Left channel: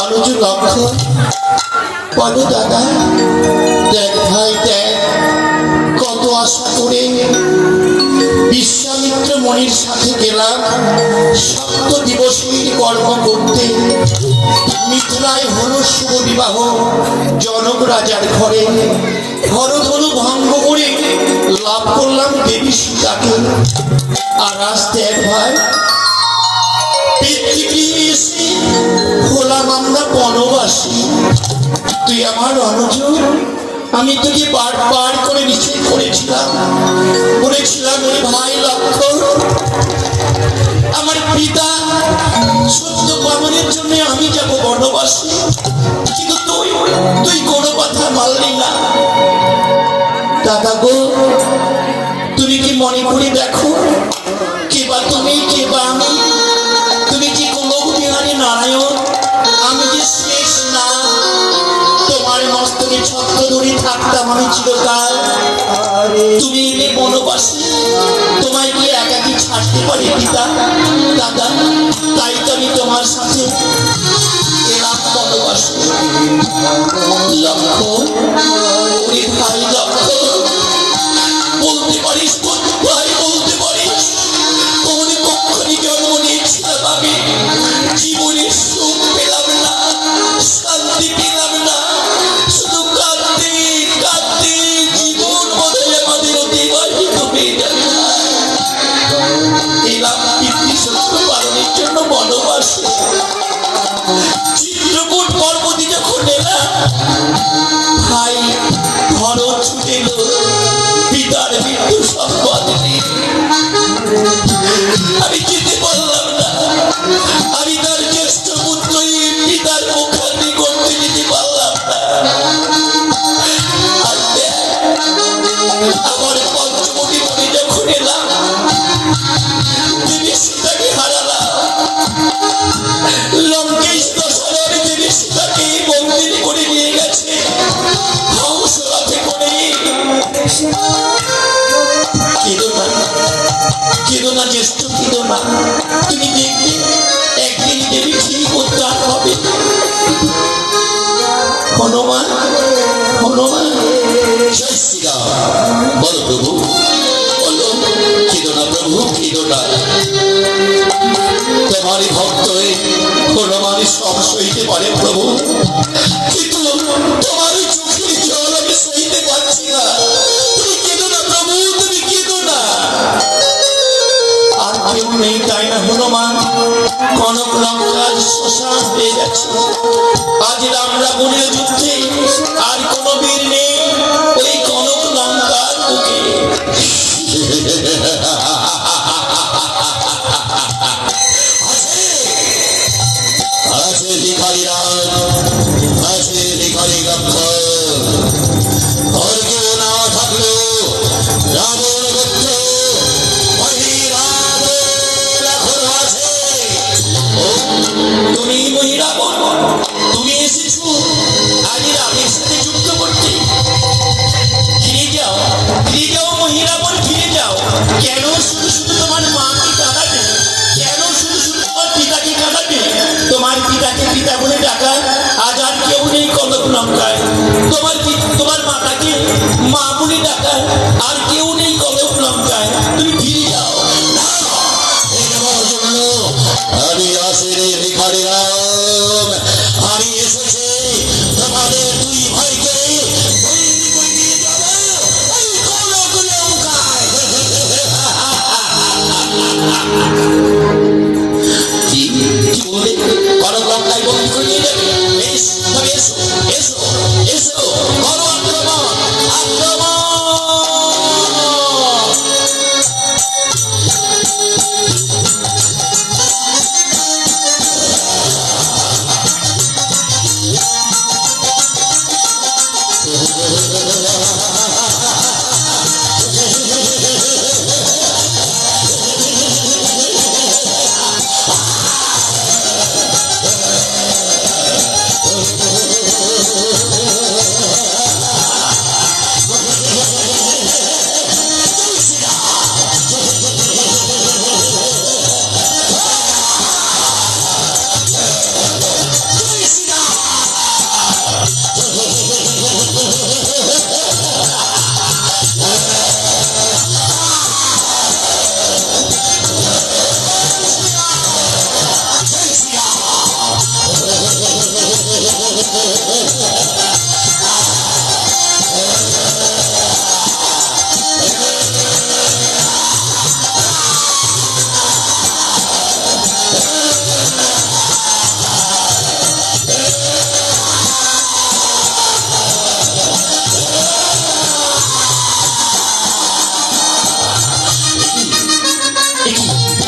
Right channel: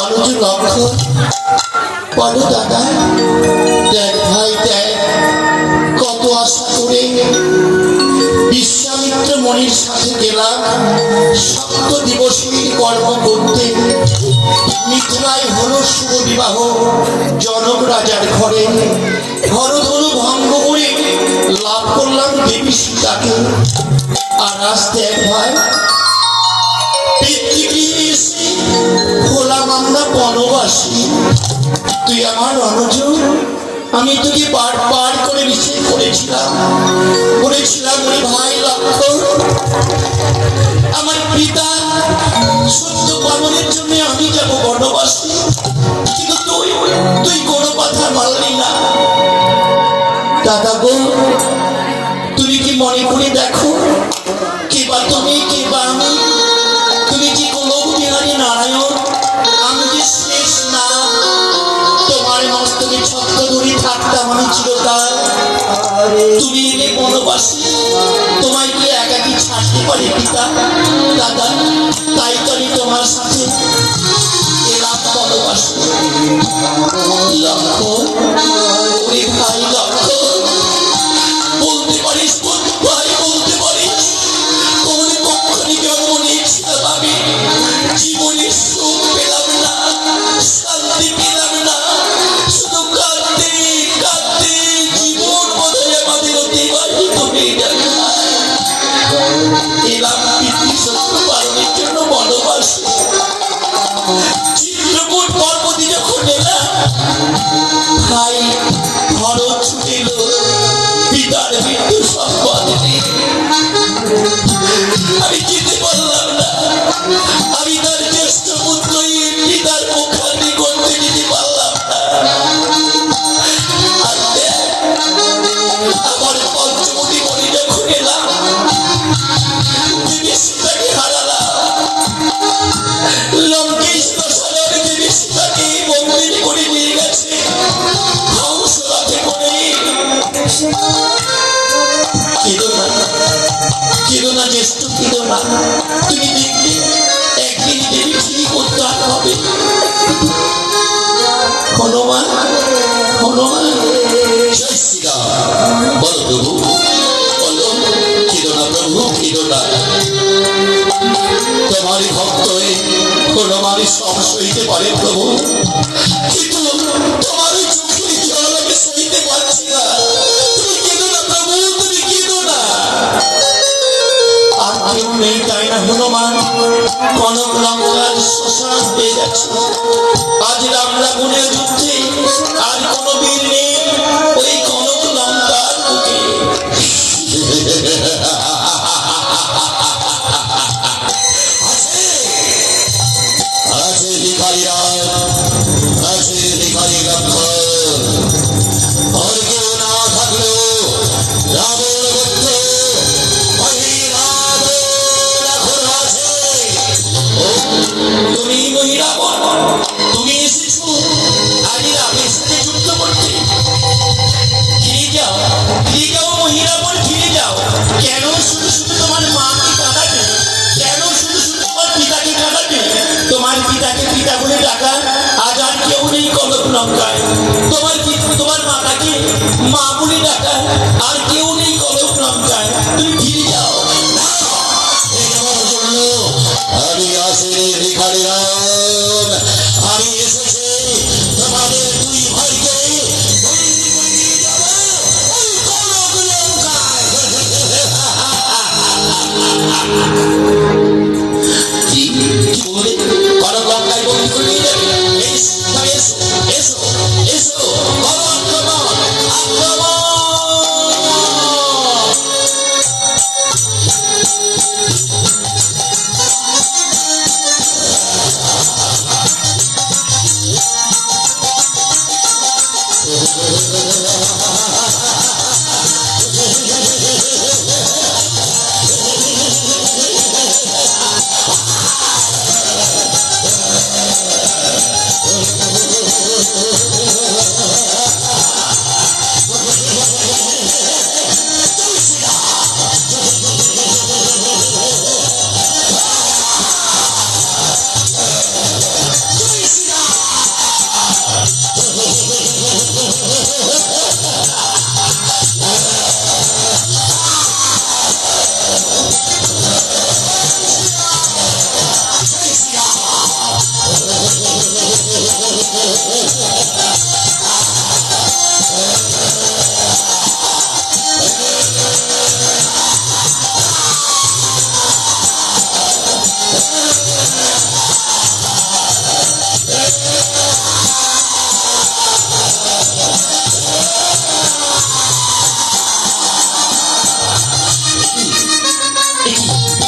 অনুজ লক্ষ্য বলো দাদা, দেখ ভাই দেখ, কত আশা করে বিশ্বামিত্র মনির সাথে গেলাম সপ্ত দিবসের কর্ম করতে। মিথুনায় হলো শুভ বিবাহ জনক রাজার ঘরে। হরধনু ভঙ্গ করে লাভ করলাম দেবী সীতাকে। আর আজ দেখ ভাই, হলাম আমরা বনবাসী। তুই আমার অনুজ, আমি তোকে বারবার করে নিষেধ করেছিলাম, বলেছিলাম ওই ভাই লক্ষ্য, আমার পিতা সত্য পালনের জন্য আমি যাব বনবাসী, কিন্তু তুই কোনো কথা মানলি না। দাদা গো, তুমি কি মনে করে দেখো, কে বা তুমি, কে বা আমি, তুমি কি কোনো বিহারী নারায়ণ, আমি যে শেষ না, তোমার মস্তকে ছত্র ধরে থাকতাম আমি চিরকাল। তুমি এলে বনবাসী, তোমায় কি একাকি ছাড়তে পারি পিতা? দাদা, তাই তো আমি তোমার সাথে এলাম বনবাসী। লক্ষ্য, ওরে ভাই লক্ষ্য, বলতে পারিস ভাই, বলতে পারিস কোন কক্ষণই জন্ম নিয়েছিলাম আমি, জীবনের সুখ পেলাম না, শান্তি পেলাম না, শুধু কাঁদতে কাঁদতে জীবন বোধহয় আমাদের অতিবাহিত হয়ে যাবে। এলাম পিতৃসত্য পালনের জন্য বনবাসী। চিত্রকূট পর্বতে যখন এলাম, ভাই ভরত ছুটেল পিতার মৃত্যু সংবাদ দিয়ে। আমি যেতে পারলাম না, আমি তার জ্যেষ্ঠ পুত্রই পিতার মুখাগ্নি করতে যেতে পারলাম না। আমার পঞ্চমুখী বলে যখন এলাম, দেবী সীতাকে হারালাম। লঙ্কেশ দশরথ দেবী সীতাকে বন্দিনী করে নিয়ে গেছে হংস রাতে করে। কেঁদো না জ্যেষ্ঠ, কেঁদো না, তুমি দেখবে একদিন দেবী ঠিক উদ্ধার হবে। হনুমান, হনুমান, জয় শ্রীরাম। বলো প্রভু, বলো, কেঁদো না প্রভু, কেঁদো না। তোমারই ভক্ত হয়ে হনুমানই সব সইতে পারে প্রভু, কিন্তু তোমারই চোখের জল আমি সইতে পারছি না। তুমি কেঁদো না প্রভু, তুমি কেঁদো না। আর কেউ নেই তাই না হনুমান? কনক লঙ্কার শ্মশান হয়ে যাচ্ছে। আজ রাম রাবণের যুদ্ধে আর কোন বীর নেই ওই কনক লঙ্কার বুকে। আছে ভিখারি রাজ, আছে ভিখারি লক্ষ্য, আর কেউ না থাকলেও রাবণ পুত্র তুমি মহিরাবণ, তুমি এসেছো আগে রামের সাথে যুদ্ধ করতে। ফিরে যাও, ফিরে যাও মহিরাবণ, ফিরে যাও। কেন শুধু শুধু তোমার মাকে কাঁদাবে? কেন শুধু শুধু তোমার পিতাকে কাঁদাবে? তোমার পিতাকে পিতা বলে ডাকা আজ আর কেউ নেই কনক লঙ্কায়। তোমার মাতাকে মা বলে ডাকা আর কেউ নেই কনক লঙ্কায়। তুমি ফিরে যাও। আমি আছি রে ভিখারি রাম, আমি এসেছি তোমাদের দুই ভাইকে বন্দি করে নিয়ে যাব ওই কনক লঙ্কায়। কি বলে কনক লঙ্কায় বন্দি করে নিয়ে যাবে? এসো এসো এসো, বড় আক্রমণ, আক্রমণ।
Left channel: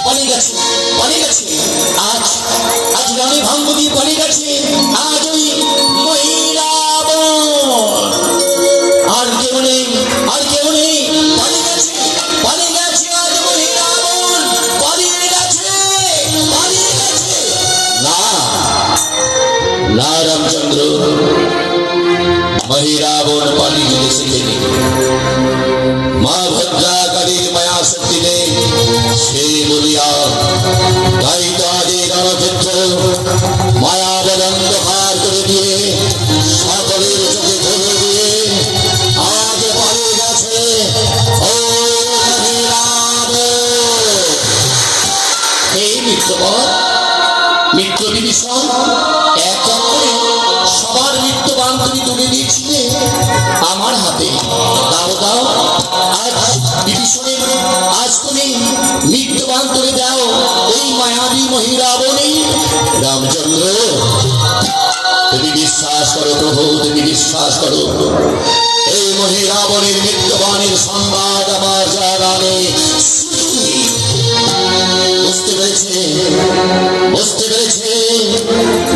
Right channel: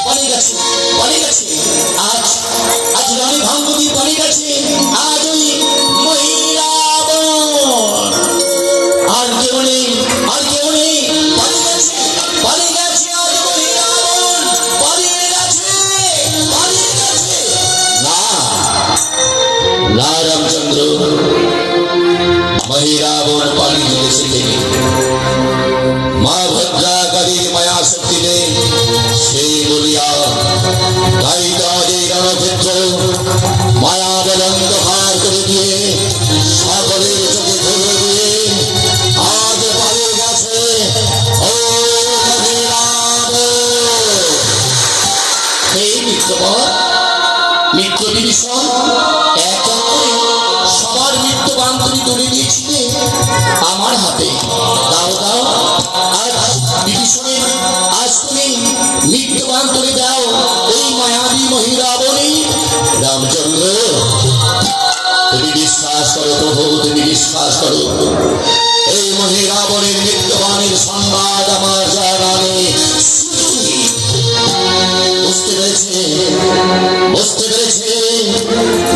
পালিয়ে গেছে, পালিয়ে গেছে। আজ আজ রণে ভঙ্গ দিয়ে পালিয়ে গেছে। আজ ওই মহিরাবণ আর কেউ নেই, আর কেউ নেই। পালিয়ে গেছে, পালিয়ে গেছে। আজ মহিরাবণ পালিয়ে গেছে, পালিয়ে গেছে। না না রামচন্দ্র, মহিরাবণ পালিয়ে গেছে তিনি। মা ভদ্রা কালীর মায়া শক্তি নেই সে বলিয়া তাই তাদের রণক্ষেত্র মায়া বলন্দ পার করে দিয়ে সকলের চোখে ধরে দিয়ে আজ পালিয়ে গেছে। ও হে মিত্রবর, মিত্র বিভীষণ, এক করে সবার মৃত্যুবান তুমি তুলে দিয়েছিলে আমার হাতে। দাও দাও, আজ বিভীষণের আজ তুমি মৃত্যুবান তুলে দাও ওই মায়াবী মহিরাবণী। রামচন্দ্র, তুমি বিশ্বাস করো প্রভু, তুমি বিশ্বাস করো। এই মহিরাবণের মৃত্যুবাণীর সংবাদ আমার জানা নেই। বুঝতে পেরেছে, বুঝতে পেরেছে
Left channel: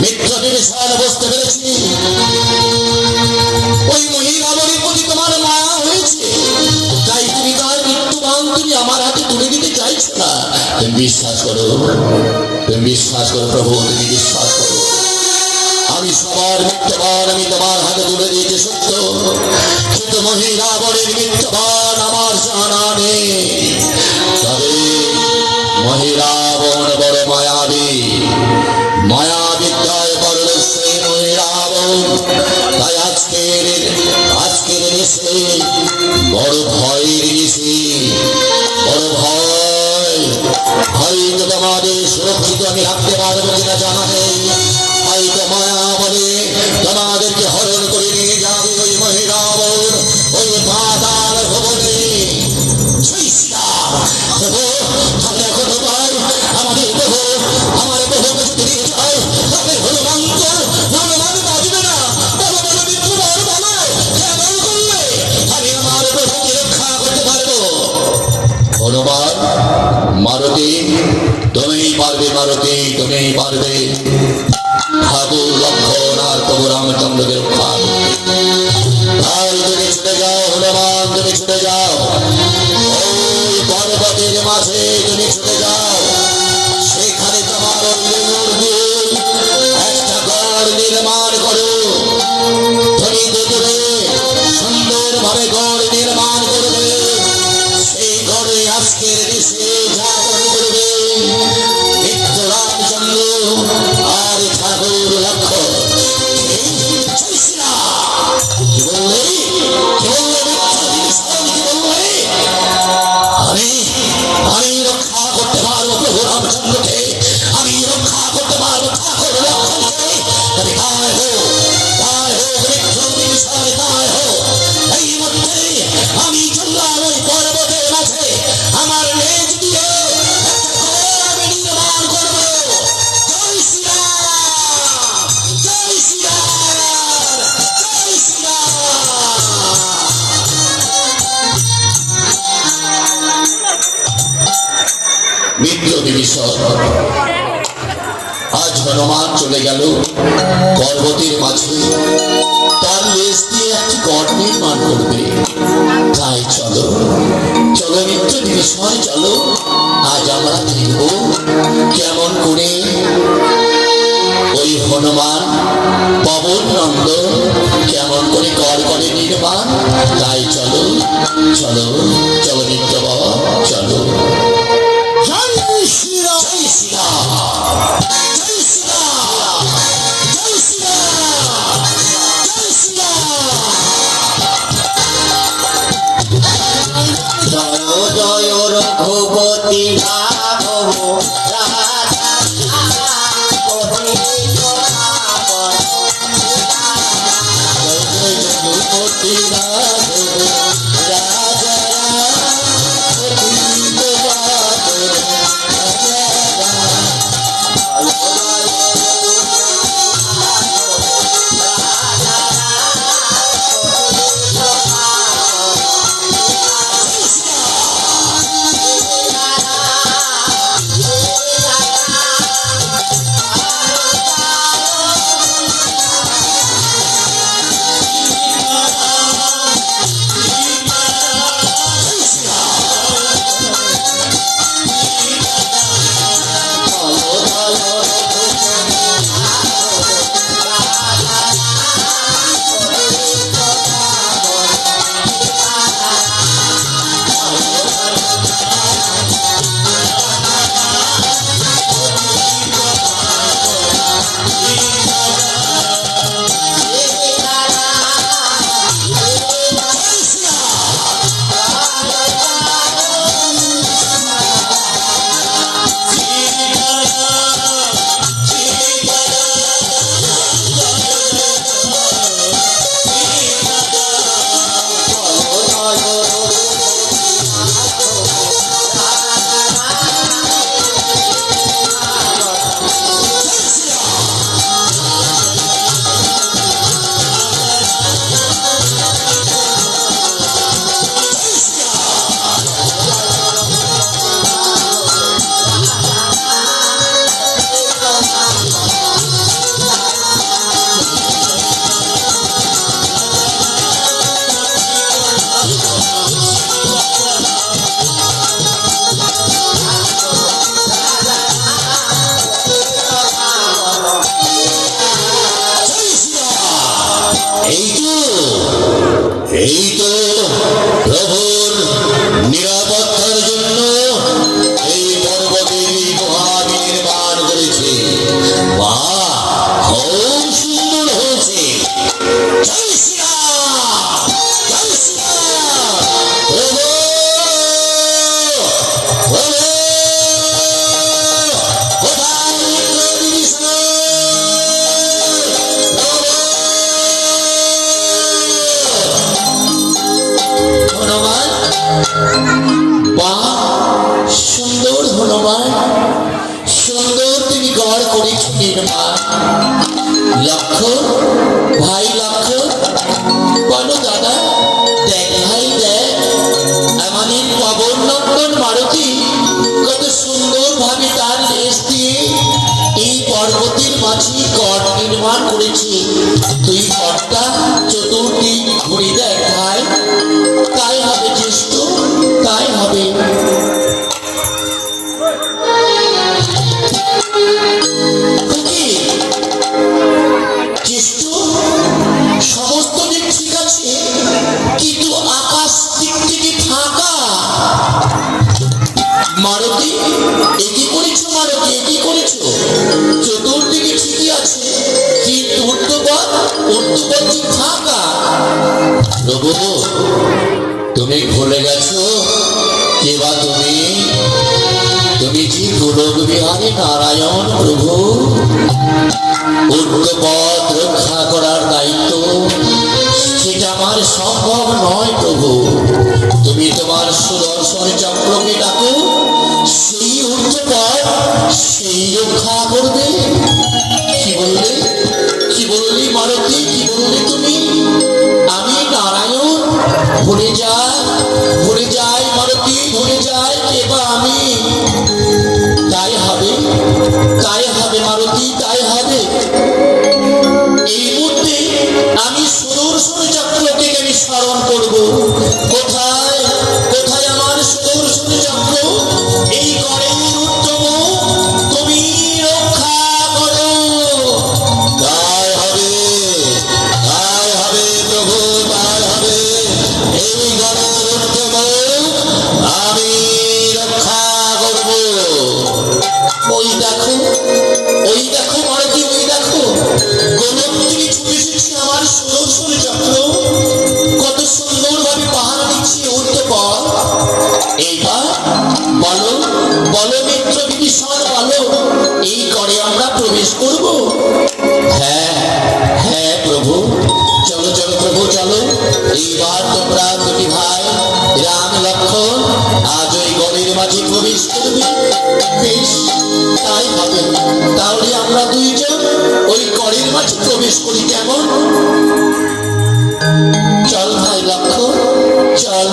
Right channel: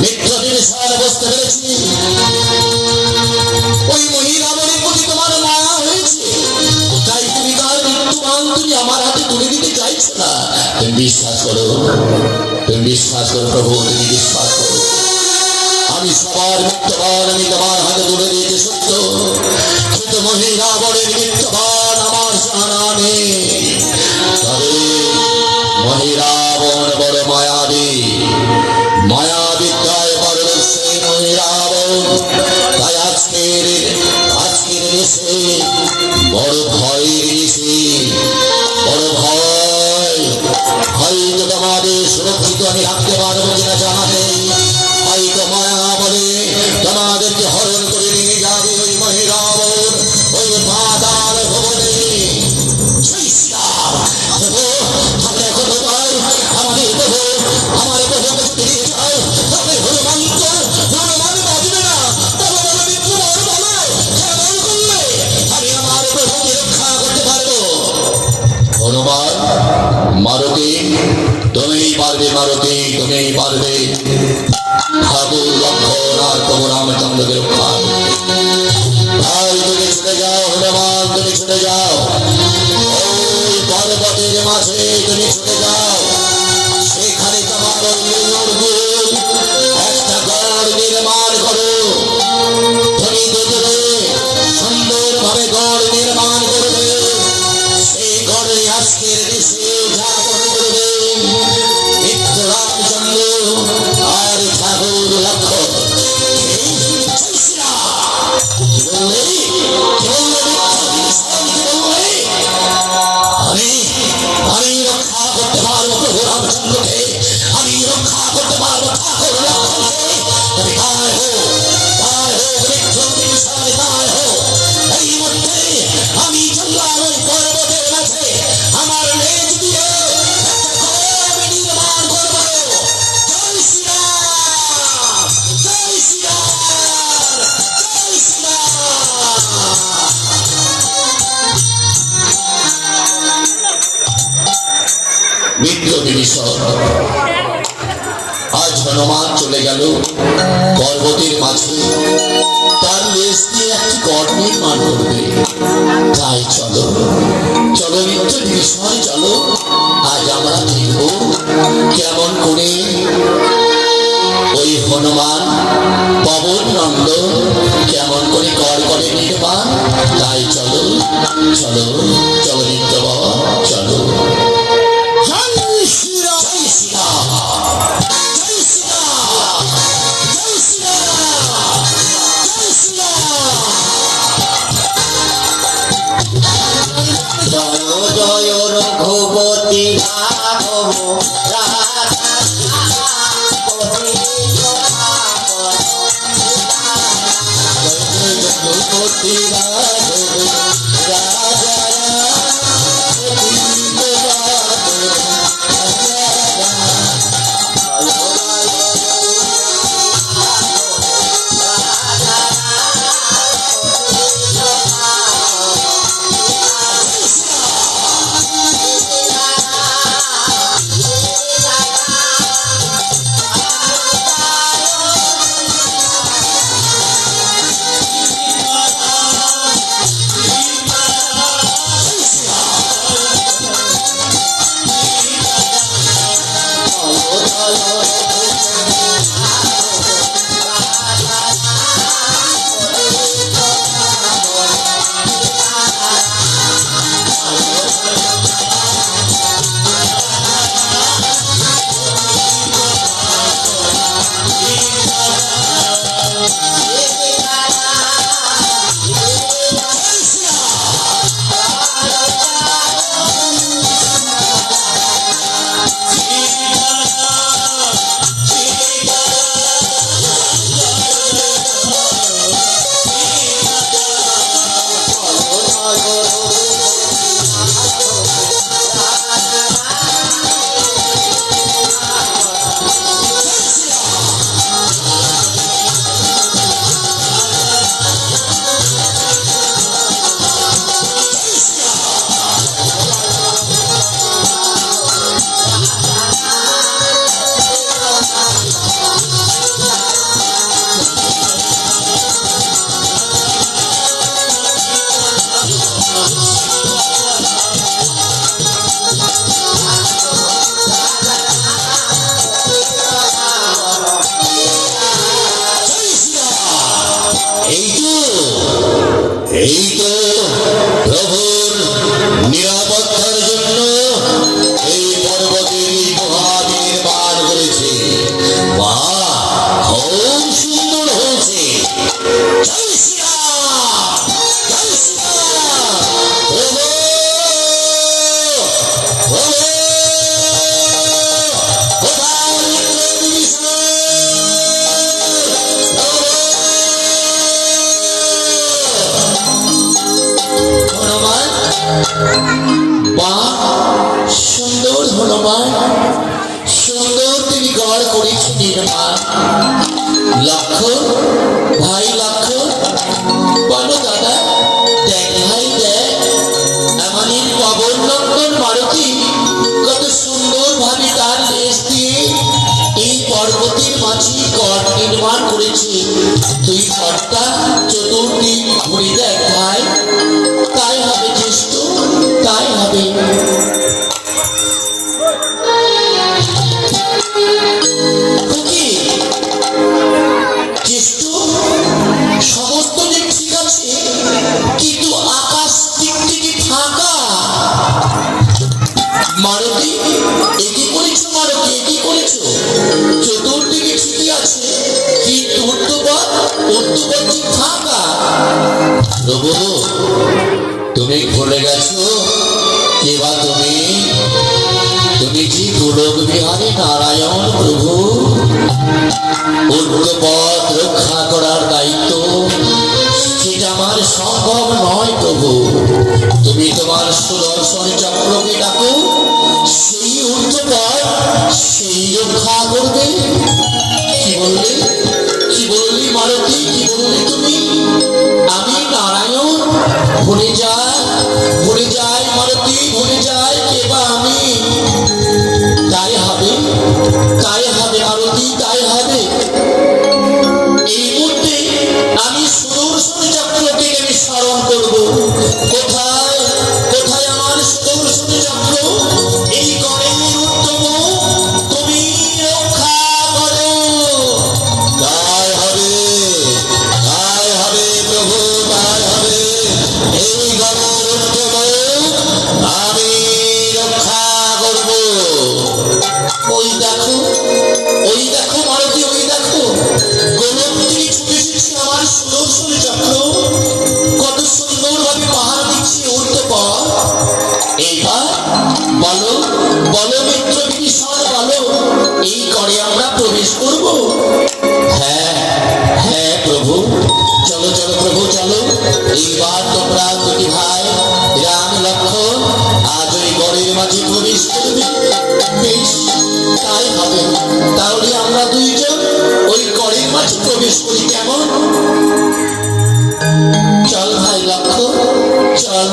মিত্র বিভীষণ, বুঝতে পেরেছি ওই মহিরাবণীর প্রতি তোমার মায়া হয়েছে, তাই তুমি তার মৃত্যুবাণ তুমি আমার হাতে তুলে দিতে চাইছো না। তুমি বিশ্বাস করো, তুমি বিশ্বাস করো প্রভু, তুমি বিশ্বাস করো। আমি সবার মৃত্যুবাণ আমি তোমার হাতে তুলে দিতে সত্য, কিন্তু মহিরাবণের মৃত্যুবাণ আমার জানা নেই। তবে মহিরাবণ বড় মায়াবী, মায়াবিদ্যায় বড় সেই মহিরাবণ। তাই আজকের দেশে বড় ভয়ের দেশে বড় ভয়। হয়তো তোমাদের সুরক্ষিত আমি রাখতে পারবো কিনা জানা নেই। হয়তো মায়া বলে তোমাদেরকে হরণ করে নিয়ে যাবে ওই মহিরাবণ ওই পাতাল ভবনে। আমরা এখনো পাই আমাদের প্রভু, আমার প্রভুকে ফিরিয়ে যাও। তবে হনুমান বাঁচবে না, আমি আমার প্রভুকে রক্ষা করতে পারবো। হনুমান, মারুতি তুমি পারবে, মারুতি তুমি পারবে। ঠাকুর লক্ষণ আর প্রভু রামচন্দ্রকে রক্ষা। ভাই তুমি ছুটে যাও, হনুমান তুমি ছুটে যাও, ওই পর্বতের মাঝে তুমি ছুটে যাও। সেখানে তোমার একটা গড় নির্মাণ করো। তুমি দেখবে সুন্দর ভাবে গড় নির্মাণ করবে। সেই গড়ে আজকের দেশে জাগরণ করবে মিত্র রামচন্দ্র আর ঠাকুর লক্ষণ। আমি রক্ষা করতে পারবো প্রভু রামচন্দ্রকে, আমি রক্ষা করতে পারবো ঠাকুর লক্ষণকে। তুমি পার হো, পার হো মিত্র বিভীষণ, পার হো। এই মধ্যে আমি চললাম ওই পর্বতের মাঝে, আমার লেজ দিয়ে আমি নির্মাণ করবো। জয় শ্রীরাম, জয় শ্রীরাম, জয় শ্রীরাম। মিত্র বিভীষণ, আজ হনুমান চলে গেল পর্বতের মাঝে, তার লেজ দিয়ে একটি গড় নির্মাণ করবে। তাই চলো চলো মিত্র বিভীষণ, চলো আজ আমরা দেখব কেমন করে ওই হনুমান পবন নন্দ কেমন করে গড় করে নির্মাণ। তাই চলো চলো চলো মিত্রবর, চলো। জয় শ্রীরাম, জয় শ্রীরাম, জয় শ্রীরাম, জয় শ্রীরাম, জয় শ্রীরাম। জয় জয় রঘুপতি রাঘব রাধা এই তো প্রভুর নিরাপত্তার জন্য এই পর্বতের গুহা নির্মাণ করেছে। বাহ, খুব সুন্দর হয়েছে। জয় শ্রীরাম, জয় শ্রীরাম। প্রভু, প্রভু, কোথায় বিষ্ণু? বাহ, সুন্দর হনুমান, সুন্দর তুমি গড় করেছো নির্মাণ। লক্ষ্য, ভাই লক্ষ্য, বলো দাদা, দেখ ভাই দেখ, আমাদের পবন নন্দন মারুতি কত সুন্দর ভাবে তার লেজ দিয়ে এই পর্বতের মাঝে গড় নির্মাণ করেছে। তুই গড়টা চতুর্দিক ঘুরে দেখ ভাই, তাই হবে জ্যেষ্ঠ, তাই হবে। জ্যেষ্ঠ, সমস্ত দিক ঠিক আছে, কিন্তু আকাশ দিক থেকে ফাঁকা। মারুতি, এটি করেছো মারুতি, এটি করেছো, চতুর্দিকে ঠিকই আছে, কিন্তু উত্তরপথ ফাঁকা। প্রভু, তুমি ভুলে গেছো কে বা তুমি? তুমি কি গোলক বিহারে নারায়ণ প্রভু? উত্তরপথ রক্ষা করার দায়িত্ব সেটা আমার সম্ভব নয় প্রভু। তুমি তোমার সুদর্শন চক্রকে ডাকো, সেই উত্তরপথ সেই রক্ষা করবে। কি বললে, কি বললি মারুতি, কি বললি তুমি? আমি নারায়ণ? ভুলে যাই মারুতি, ভুলে যাই কে বা আমি। তাই হবে, তাই হবে মারুতি, তাই হবে। এই মুহূর্তে আমি সুদর্শন চক্রকে আমি স্মরণ করব। কোথায়, কোথায় আমার সুদর্শন চক্র? এই গড়ের উত্তম তুমি রক্ষা করো। তাই হবে, তাই হবে প্রভু, তাই হবে। এই গড়ের উত্তম আমি রক্ষা করব। ওই দেখো, ওই দেখো মারুতি, ওই দেখো গোলকটি ছুটে এসেছে আমার সুদর্শন চক্র, কত সুন্দর ভাবে পাহাড় দিচ্ছে উত্তরপথ। এইবার বলো, বলো মিত্র বিভীষণ, বলো এই করে আমরা প্রবেশ করব? হ্যাঁ হ্যাঁ প্রভু, চলো চলো প্রভু চলো। এইবার তোমরা দুটি ভাই রাম লক্ষ্মণ আজ ওই গড়ের মাঝে প্রবেশ করবে। বেশ, তাই হবে। তাহলে আমরা দুইজন ওই গড়ের মাঝে প্রবেশ করি, কেমন? চল ভাই লক্ষ্মণ, চল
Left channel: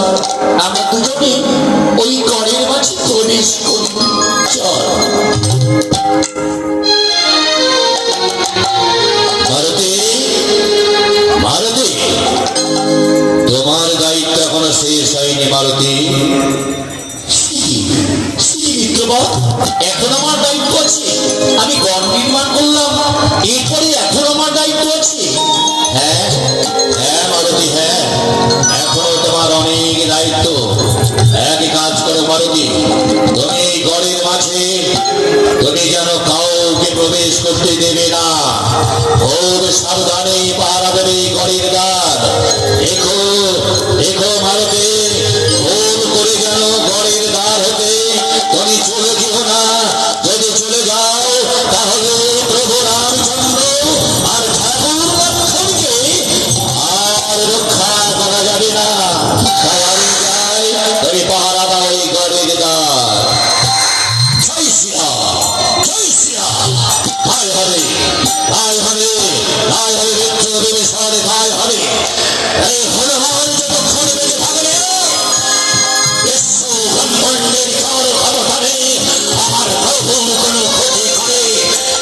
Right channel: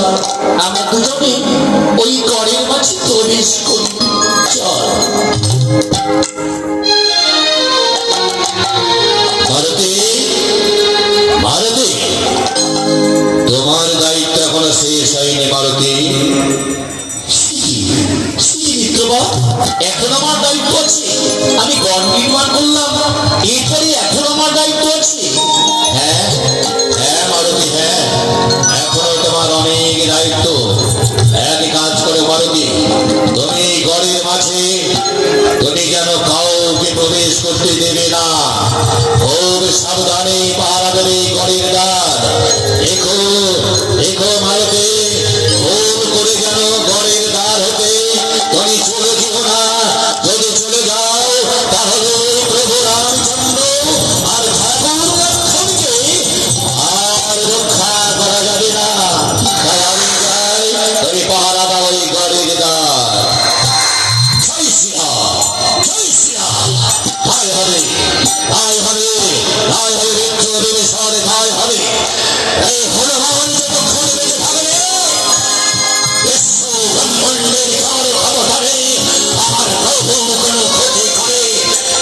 আমরা দুজনে ওই গড়ের মাঝে প্রবেশ করি, চল। ভারতে, ভারতে, তোমার দায়িত্ব এখনো শেষ হয়নি মারুতি। এখন আমার দায়িত্ব আছে, আমি গড় নির্মাণ করলাম, এরপরে এখন আমার দায়িত্ব আছে। হ্যাঁ হ্যাঁ মারুতি, হ্যাঁ, এখনো তোমার অনেক দায়িত্ব। এক কাজ করো মারুতি, তুমি গড়ের মাঝে তুমি যেন কাউকে প্রবেশ প্রবেশ করতে দেবে না। খুব সাবধানে পাহারা দেবে ঘরের দ্বার। এখো এখো মালকের, ভুল করে যেন ঘরের দ্বার হতে তুমি চলে যেও না। যদি চলে যাও তাহলে প্রভু রামচন্দ্র আর ঠাকুর লক্ষ্মণকে আর রক্ষা করা যাবে না। তাই আমি চাই তুমি পাহারা দাও এই ঘরের দ্বার। জয় শ্রীরাম, জয় শ্রীরাম। তাই হবে, তাই হবে, তাই হবে, রুদ্র দেবে শহরে, তাই হবে। এই হনুমান যতক্ষণ বেঁচে থাকবে বিশ্ব ব্রহ্মাণ্ডের কারো অবতারে আমার প্রভু কোনো ক্ষতি করে।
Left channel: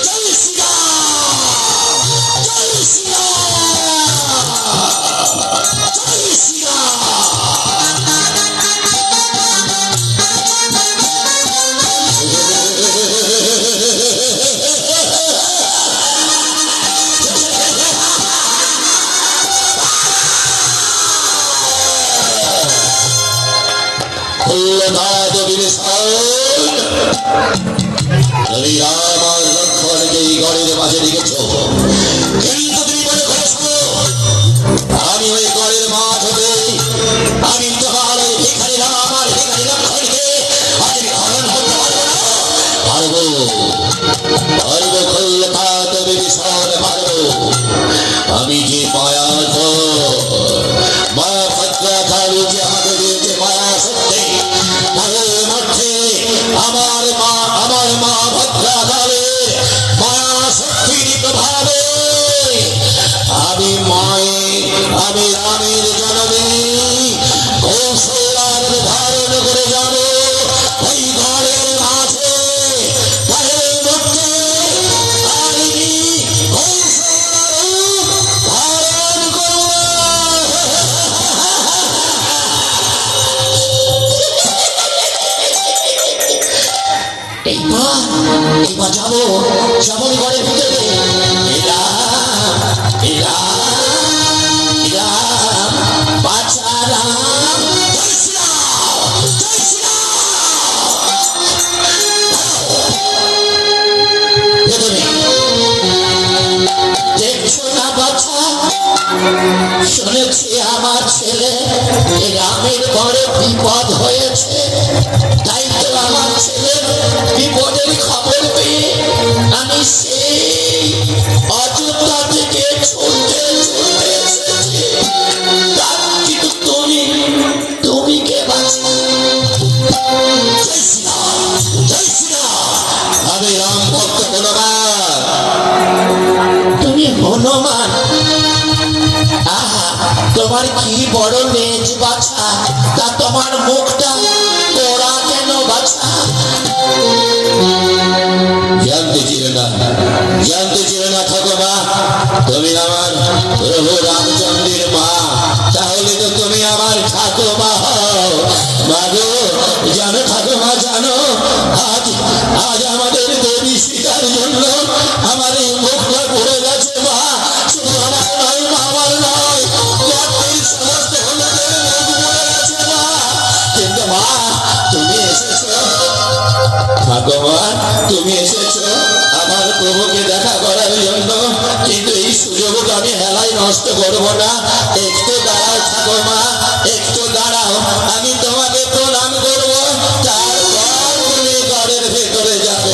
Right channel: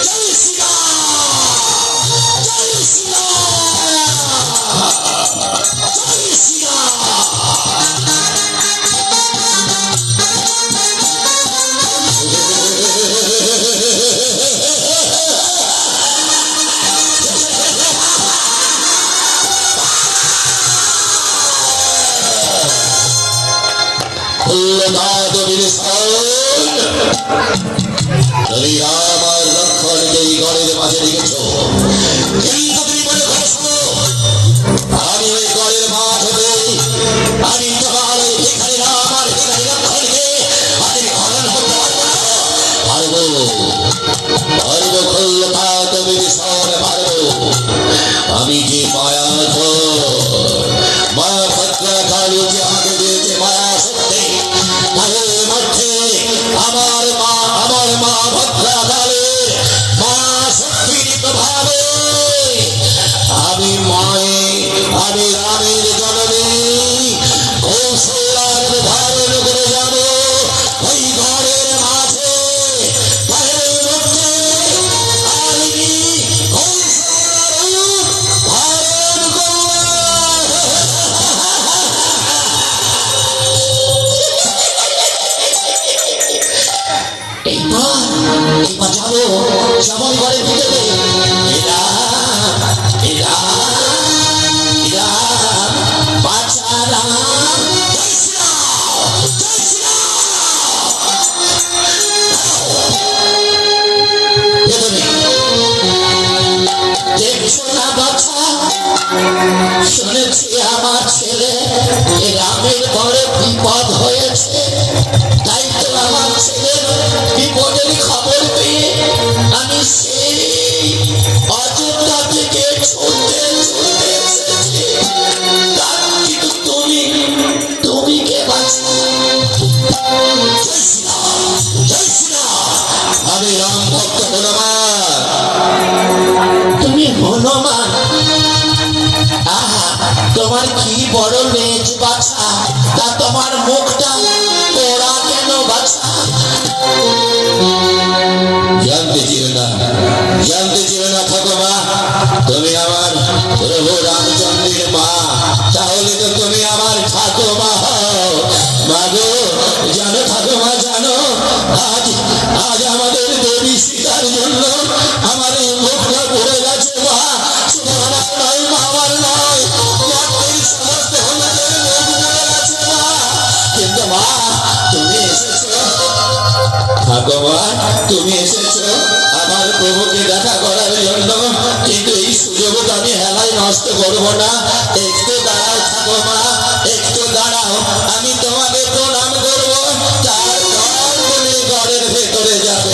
জয় শ্রীরাম, জয় শ্রীরাম, জয় তুমি রাম আর লক্ষ্মণকে এই ঘরের মাঝে রেখেছ, কিন্তু তুমি মনে করেছ আমি ওই ঘরের মাঝ হতে আমি তোমার ওই ভিখারি রাম আর ভিখারি লক্ষ্মণকে আপনি হরণ করতে পারবো না। পারবো, পারবো, খোল্লতা তুমি ভীষণ পারবো। আমি যে মায়া মা ভদ্রা কালী যে আমাকে দিয়েছে মায়া শক্তি, তাদের মধ্যে আমার মা ভদ্রা কালীর মায়া শক্তির প্রভাবে আমি আমি রামের জননী কৌশলার ধারণ করে যাব ওই ঘরের মাঝে। তাদের মধ্যে আমি কৌশলার ধারণ করব। এইবার যাবো ঘরের ভিতরে। দেখছো না বাচ্চা, শুনেছি আমার ছেলে রামের বড় বিপদ হয়েছে। তাই তো আমার ছেলের বিপদের খবর পেয়ে আমি সেই অযোধ্যা থেকে ছুটে ছুটে এসেছি। কিন্তু তুমি কে বাঁচো? জয় শ্রীরাম, জয় শ্রীরাম। আমি রাম ভক্ত হনুমান। তুমি হনুমান? তোমার কি বড় লেজ বাছা, তা তোমার মুখটা তোরা কেন বাছা? জানতে ছিল না ঠাকুমা তুমি আমার প্রভু রামচন্দ্রের মা। তাহলে তো তুমি আমার ঠাকুমা হও। মাগো জানো ঠাকুমা, জানো আজ আমাদের দেবী সীতার জন্য আমার এই মুখটা পড়ে গেছে। মা শুধু আমার নয়, মা আমার নয়, সমস্ত হলুদের মুখ পড়ে গেছে মা। কিন্তু মা তুমি এসেছো ঠাকুমা, তুমি এসেছো আমার প্রভুকে দেখা করার জন্য। কিন্তু এই সুযোগ আমি হেলায় নষ্ট করবো না। একটু দাঁড়াও ঠাকুমা, একটু দাঁড়াও, আমি তোমাকে প্রণাম করবো, তারপর তুমি ঘরের ভেতরে যাবে।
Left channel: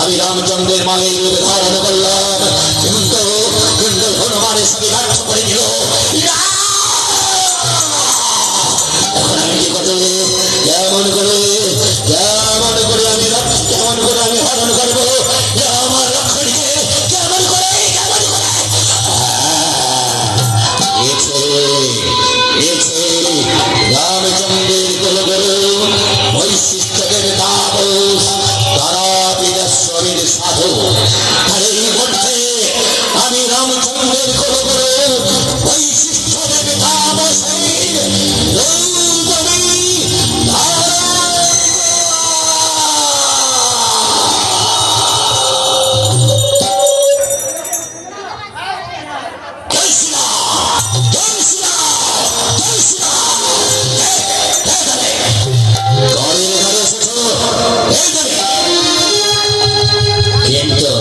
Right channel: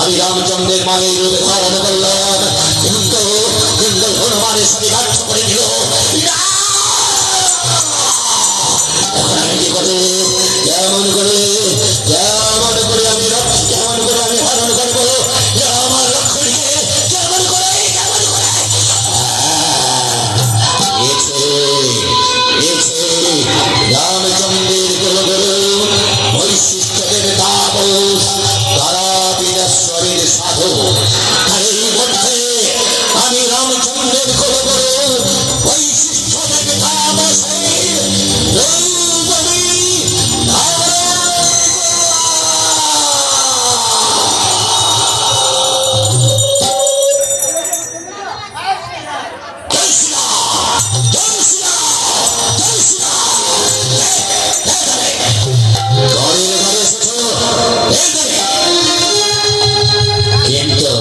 আমি রামচন্দ্রের মায়ের রূপে ধারণ করলাম, কিন্তু হনুমানের সাথে ধ্বংস করে দিল। কেমন করে আমি হরণ করবো আমার লক্ষ্মণকে? কেমন করে রামচন্দ্রের কুলগুরু বৈশিষ্ট্যদেব তাপস তারা বীরেশ্বরের সাধু ঘরে ঘরে এসেছো, কিন্তু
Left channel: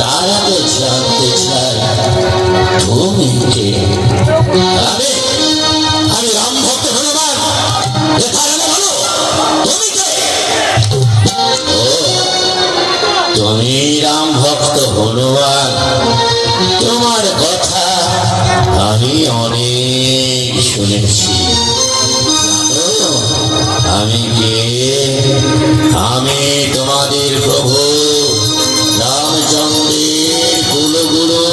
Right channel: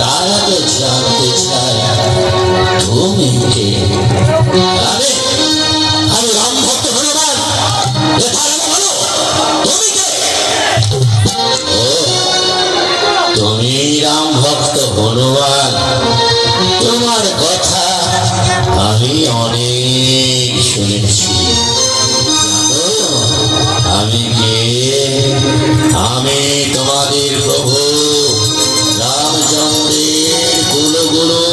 তারা তো জানতে চায় তুমি কে? আমি আমি রাম ভক্ত হনুমান, বলো তুমি কে? ও, তুমি রাম ভক্ত হনুমান, তোমার কথা আমি অনেক শুনেছি। জানো আমি কে? আমি তোমাদের প্রভু রামচন্দ্রের কুলগুরু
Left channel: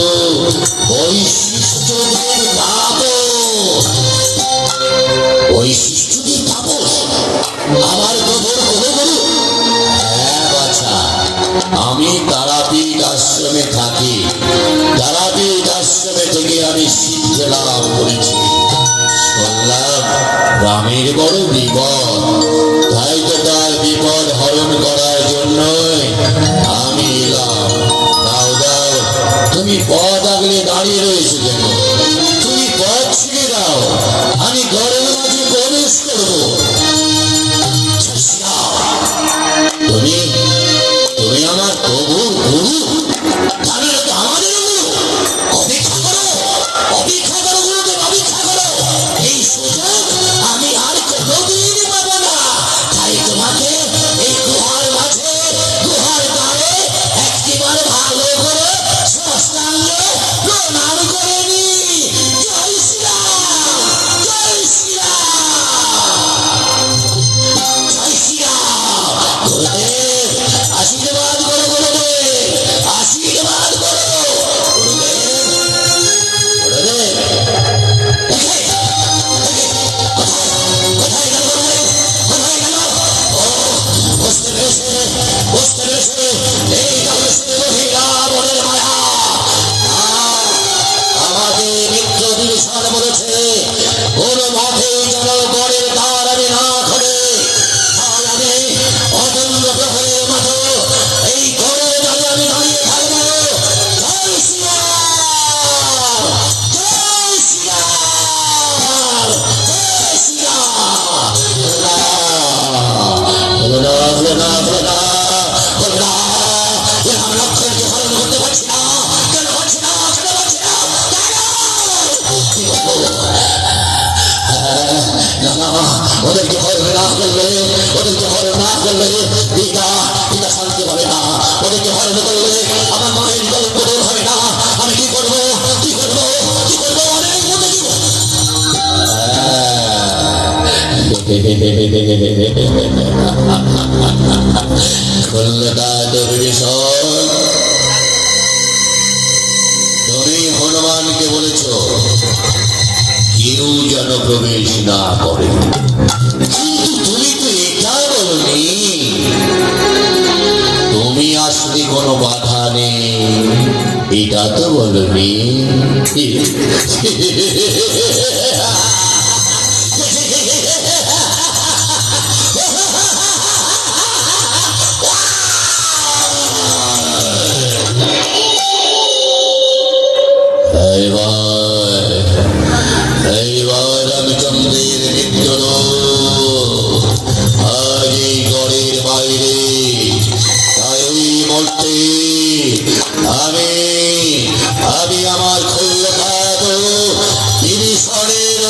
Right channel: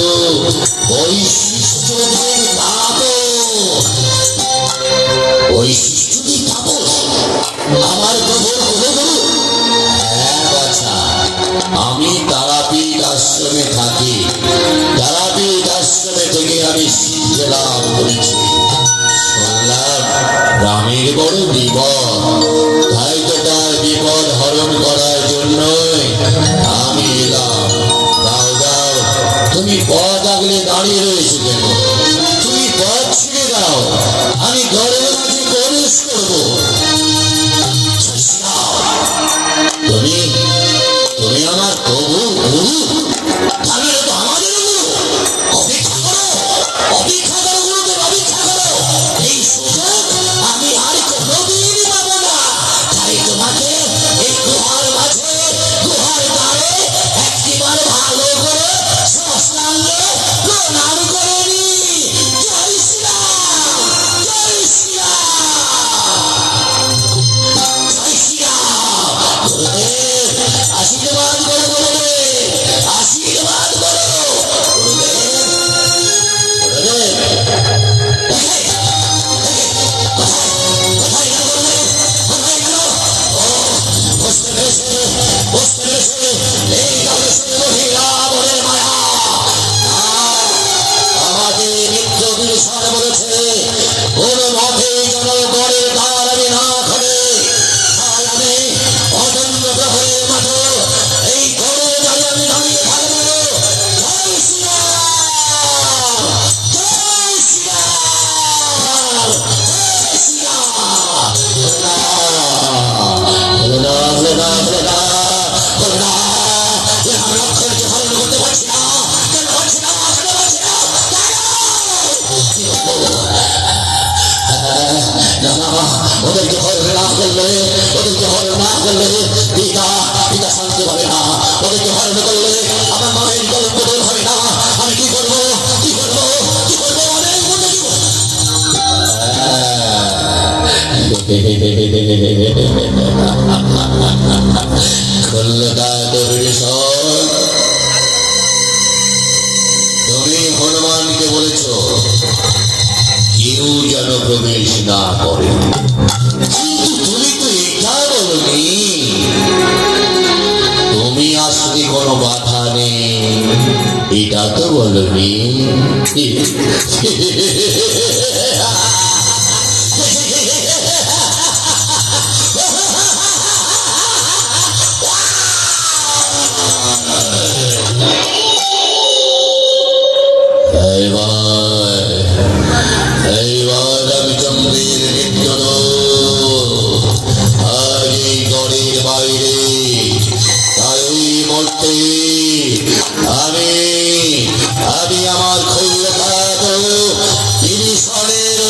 বৈশিষ্ট্যদের তাপস। বৈশিষ্ট্যদের তাপস আমার প্রভুর কুলগুরু? হ্যাঁ বাছা, আমি তারাপীঠ আশ্রমে থাকি। তারাপীঠ আশ্রমে থেকে আমি শিক্ষা লাভ করেছি। শুনলাম রামের বড় বিপদ, তাই তো তার বিপদ হরণ করার জন্যই আমি এলাম। দাও দাও, তুমি পথ আগলে দাঁড়িয়ে রয়েছে কেন? তুমি পথ ছেড়ে দাও, আমি ঘরের মাঝে প্রবেশ করবো। তুমি তুমি আমার প্রভু গুরু, তাহলে তো আমাদের গুরু। অপেক্ষা করো, অপেক্ষা করো গুরুদেব, অপেক্ষা করো। এই সুযোগ আমি আর কোনোদিন পাবো না। তাই তোমাকে এই গুহার মাঝে, গুহার দ্বারে একটিবার ভালো করে সাষ্টাঙ্গে প্রণাম করে নি। জয় শ্রীরাম, জয় শ্রীরাম, জয় শ্রীরাম। গুরুদেব আশীর্বাদ করো, গুরুদেব আশীর্বাদ করো। গুরুদেব, গুরুদেব কোথায় গেল গুরুদেব? কোথায় গেল? ও বুঝতে পেরেছে, বুঝতে পেরেছে, এই গবেষণে মহিলা বলে মায়া। আমাকে নিত্য দিশান বলেছে কোন মঠে যেন বরের দ্বার আমি না খোলে। তাই আমি অদম্য প্রহরের মতো এই ঘরে দাঁড়িয়ে আমি দাঁড়িয়ে থাকবো। জয় শ্রীরাম, জয় শ্রীরাম, জয় শ্রীরাম। লক্ষ্মণকে হরণ করতে পারছি না, কেন পারছি না, কেন পারছি না, ওদেরকে হরণ না করলে, ওদেরকে হরণ না করলে পিতা পিতা শান্তি পাবে না। ওদেরকে হরণ করলে আমার মায়ের কলঙ্ক দূর হবে না। আমি কি করবো, কি করবো, কি করবো, অনেক মনে কি তুমি হনুমানকে বলেছ কেউ যেন প্রবেশ না করে, কিন্তু তুমি তো এটা বলনি তুমি আসলে কোনো বাধা নেই, এটা তো বলনি। এইবার রামচন্দ্রের নিত্য আজ এই গড়ের বাইরে, তাই ওই মূর্তি আমি আমার খোল্লা বিভীষণের